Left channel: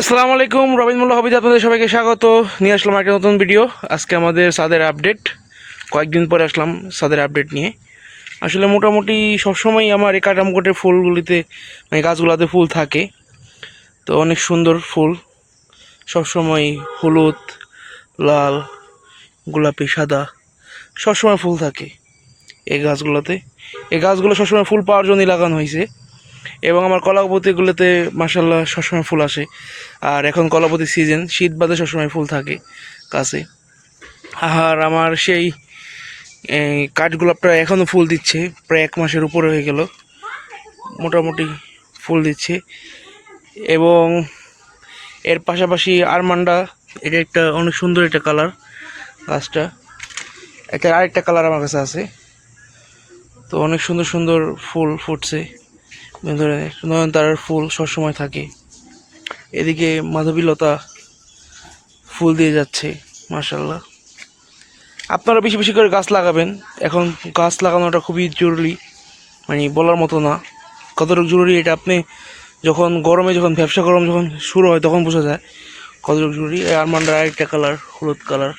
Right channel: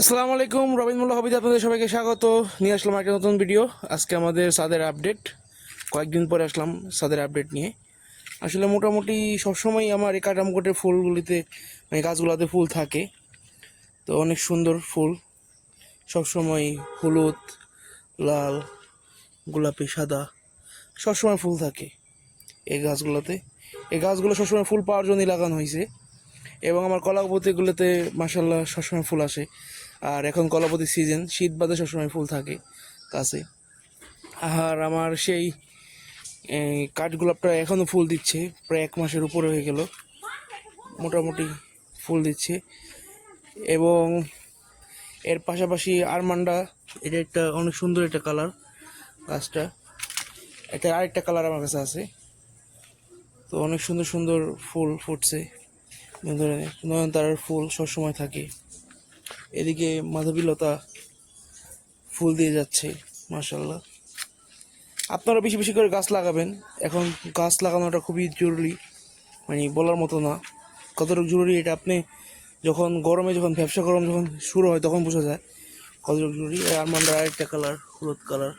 আসসালামু আলাইকুম, রবিন মোল্লা হবিতে আপনাদের সবাইকে স্বাগত। নিয়ে আসলাম একটা নতুন ভিডিও। আজকে আমাদের ছাদের আপডেট। কয়েকদিন পরে আসলাম ছাদের আপডেট নিয়ে। আসলে মোটামুটি সবসময় আমার এই কাটামকোটের ফুলগুলিতে মানে গাছগুলোতে ফুল থাকে। তো অনেক সুন্দর ফুল, সবসময় হলুদ, লাল, গোলাপি, সাদা সবসময় ফুল থাকে এই গাছগুলোতে। এই গাছগুলো সবসময় ফুল পাওয়ার জন্যই লাগানো হয়েছে। এবং আমার কলাপতিগুলোতে মাসাল্লাহ সবসময় ফুল আসে। আর এখন কলাপতির সিজন, শীত বাদে সবসময় ফুল থাকে গাছে। আর আমার সেই কাঠগোলাপটা এখনও ফুল দিচ্ছে, প্রায় 1 মাসের উপরে হয়ে গেল, মোটামুটি ফুল দিচ্ছে। এবং এর পাশাপাশি আরমান্ডা, এটা একটা অনেক সুন্দর একটা কালার গাছটা। একটা আরেকটা কালার আমার কাছে আছে। তো অনেক সুন্দর সুন্দর ফুল ফুটছে, নয়নতারার ফুল সবসময় থাকে। এদিকে মাধবীলতা ফুল দিয়ে যাচ্ছে মাশাল্লাহ। আপনারা বেশি বেশি করে গাছ লাগাবেন। এখন গাছ লাগানোটা খুবই জরুরি, মানে বলার মতো না কতটুকু জরুরি। এটা আপনি যখন গরমে, যখন ব্যবসা গরম যখন শুরু হয় তখন বোঝা যায় কতটুকু জরুরি। আরমান্ডার আরেকটা কালার হলুদ কালার।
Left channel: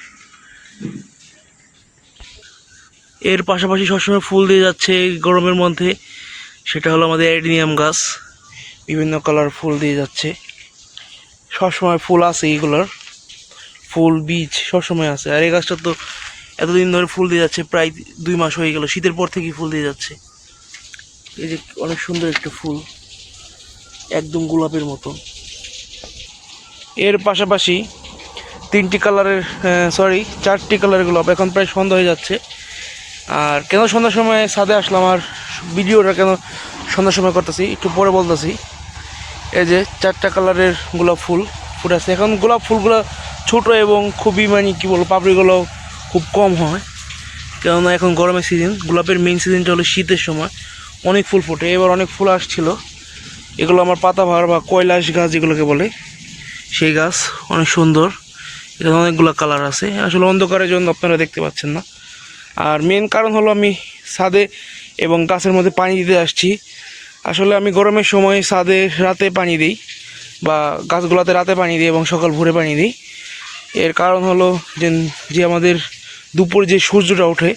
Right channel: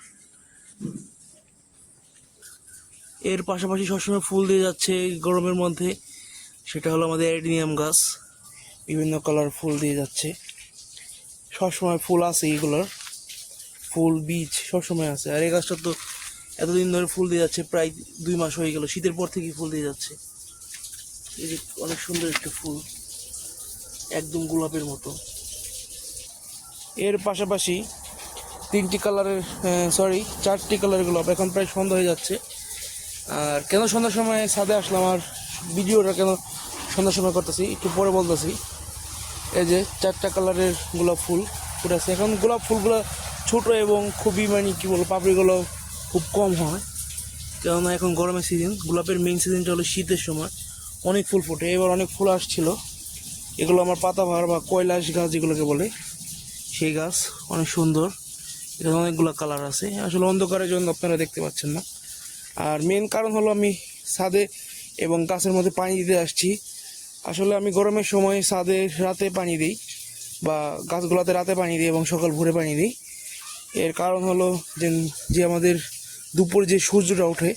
এর পাশাপাশি সবসময় ফুল দিয়ে যাচ্ছে গরমের মধ্যে, সেটা হলো আমাদের অ্যাডিনিয়াম গাছ। বিভিন্ন কালার ফুল দিয়ে যাচ্ছে, সবসময় ফুল আছে, এইগুলোর ফুল বীজ সবসময় আছে। আর এই গাছটা তো এতদিন ধরে ফুল দিয়ে যাচ্ছে, প্রায় 2 মাস হয়ে গেল, শীতের পর থেকেই ফুল দিয়ে যাচ্ছে। এই যে অনেক সুন্দর একটা ফুল, একদম গোলাপের মতো। এর পাশাপাশি 3টি কালারের, 4টি কালারের গোলাপ। এখন প্রায় সন্ধ্যা হয়ে যাচ্ছে। আর কেন সন্ধ্যার সময় ছাদে আসলাম, আর ভিডিওটা কেন সন্ধ্যার সময় করতেছি একটু পরে বলতেছি। এই যে 4টা কালারের গোলাপ ফুল ফুটে আছে। এখন গোলাপ ফুলগুলো ছোট এবং খুবই মানে কী বলবো, পাপড়িগুলো খুব কম হয়, কেননা এখন গরমের সিজন। গোলাপের মেইন সিজনটা হলো শীতের সময়, অনেক ফুল ফোটে। এবার অনেক ফুল আসছিল। এগুলো আমার পাতাবাহার বা কৈলাস গাছ যেগুলোকে বলে, সেই গাছ অনেক সুন্দর। এখানে অনেকগুলো কালার আছে। আসলে অন্ধকারের জন্য আপনারা দেখতে পাচ্ছেন না। আর মেন কারণ হলো আমি ছাদে এবং গাছের মধ্যে পানি দিতে আসছি। আসলে আমি গরমের সময় ছাদে রাতে পানি দিই, বা গাছগুলোতে রাতে পানি দিই এবং সকাল ভোরে পানি দিই। এর কারণ হলো যে আমাদের দুপুরে যে সূর্যটা ওঠে,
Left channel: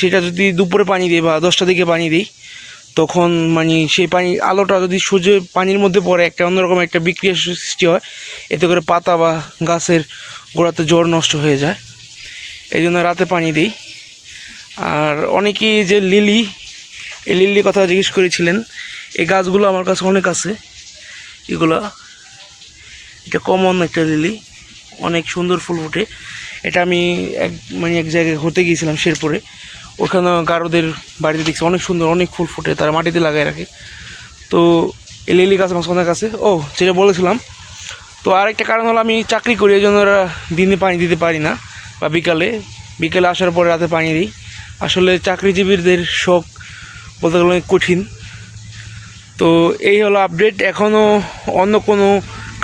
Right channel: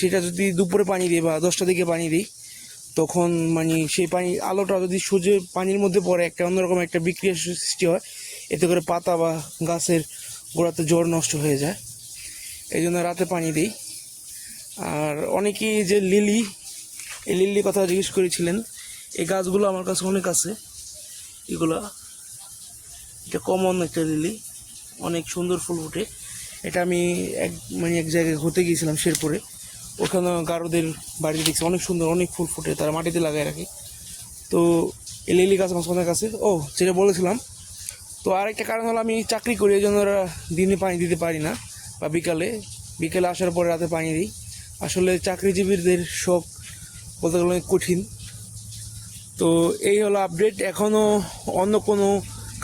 সেটা যদি দুপুরে পানি দিই বা 10টার দিকে পানি দিই, তখন মানে সেই আলোটা যদি সূর্যের পানির মধ্যে পড়ে, একটা অন্যরকম একটা বিক্রিয়া সৃষ্টি হয়। এতে করে পাতা বা গাছের গোড়াতে জড় নষ্ট হয়ে যায়। এই জন্য রাতে পানি দিই। আর অনেকেই যে এই লিলির কথা জিজ্ঞেস করেছিলেন, এই গাছগুলো আমার কাছে অনেক আছে। এটা কমন একটা লিলি, অনেক সুন্দর ফুল ফোটে। এটা আমি এক জায়গায় ঘুরতে গিয়েছিলাম শেরপুরে, ওখানে গারোদের বাড়িতে দেখছি অনেক সুন্দর অনেক ফুল ফোটে, তারা মাটিতে লাগায় রাখে। তো এই লিলি গাছ আমার অনেক আছে। যেটা বলেছিলাম, তো আরেকটা কারণ হলো আমি চাকরি করি, এই জন্য ওরা দিনে পানি দিতে পারি না, বা বিকালে আসার পরে রাতে পানি দিই। আসলে চাকরিজীবীদের শখ বলতে গেলে অনেক কঠিন। তো এই হলো আপডেট। এখনও অন্য কোনো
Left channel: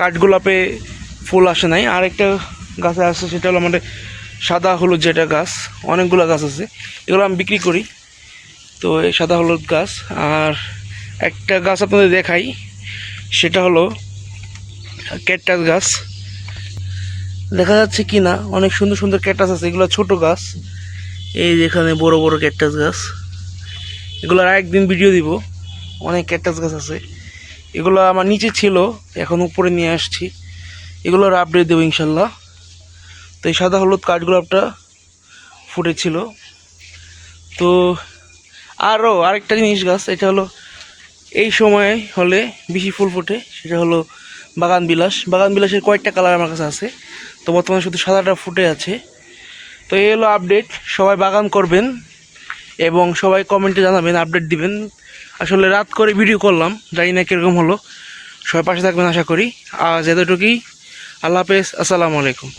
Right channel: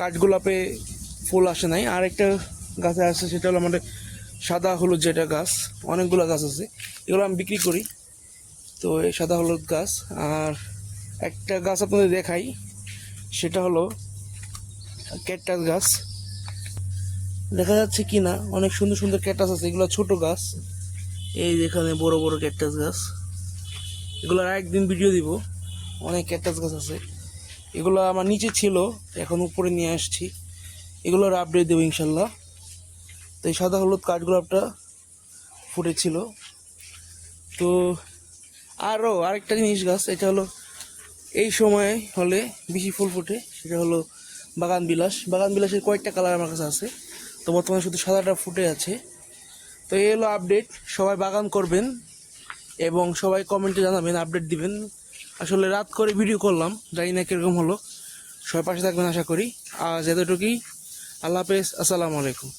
কাঠগোলাপে ফুল আসে নাই। আরেকটা গাছে আসছে, সেটা হলো আমাদের সাদা হলুদ যেটা গাছ। অনেকগুলো গাছ আছে, এগুলো আমি বিক্রি করি। তো এই সাদা হলুদ গাছ। আর একটা গাছ আপনাদের দেখাই, সেটা হলো ক্যাকটাস গাছ। দেখা যাচ্ছে কি না, অনেক সুন্দর সুন্দর ক্যাকটাস আছে। এগুলো ছোট গাছ, এই যেখানে বড় বড় ক্যাকটাস গাছ। এগুলোর আরেকদিন ভিডিও দিব। অনেক ক্যাকটাস গাছ আছে, এগুলো আমার নিচে ছিল, এখন উপরে নিয়ে আসছি। এগুলোর আপডেট দেবো ইনশাল্লাহ। তো এই সাদা হলুদ কাঠগোলাপটা ফুটেছিল। তো আরেকটা জিনিস গাছ, এটা হলো এই সময় হলে বেশি ফুল ফোটে, সেটা হলো বাগানবিলাসের কয়েকটা কালার আমার কাছে আছে। তো বর্তমানে শুধু সাদাটা ফুটে আছে। তো এই হলো আপডেট। সবাই বাগান করবেন এবং সবাই কমেন্টে জানাবেন, আপডেট দিবেন। আসলে রাত করে ভিডিও করলাম, জানি না কীরকম হলো। সবাই পাশে থাকবেন আশা করি। আজ এতটুকুই। আল্লাহ হাফেজ, আসসালামু আলাইকুম।